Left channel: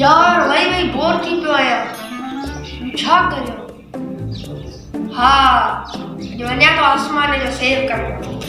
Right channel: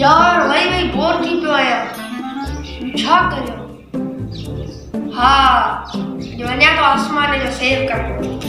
यार भाई बोर थी पियो आहियां छा करियो। हाँ वञा तो आसमान जो सेव करणु।